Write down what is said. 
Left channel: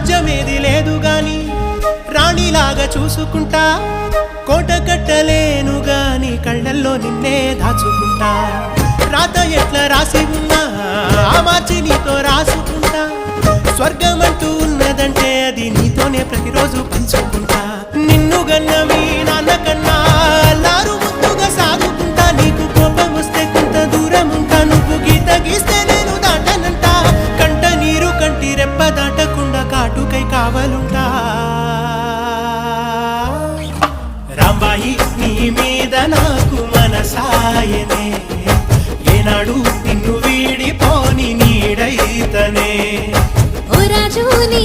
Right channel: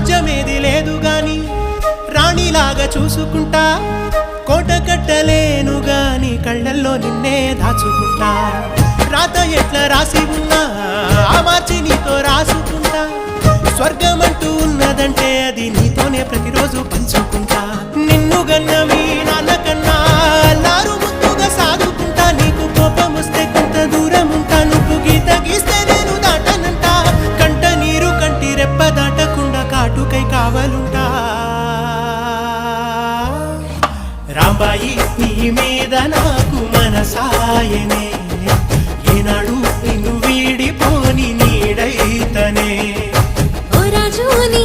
రాజ్యమేది లేదు గాని రాణిలాగా చూసుకుంటా, కోట కట్టలేను గాని కళ్ళల్లో నిన్నే దాచుకుంటా. రాత ఎట్లా రాసి ఉన్నా మార్చి నీతో రాసుకుంటా, స్వర్గమంటూ ఉన్నదంటే అది నీతోనే ప్రతిరోజు పంచుకుంటా. నిన్ను గన్న మీ నాన్న కన్నా లారు ముద్దుగా సాదుకుంటా, నీకు కోపం వస్తే కొంత దూరం ఉంటా, నువ్వు గీత గీస్తే నేను దాటనంట, కంట నీరు కంటి రెప్ప దాటకుండా కాటుకై కావలుంటా. రాంబాయి నీ మీద నాకు మనసాయనే, ఏనాడు నిన్ను వీడిపోని నీడైతనే. ఓ రాజు నీ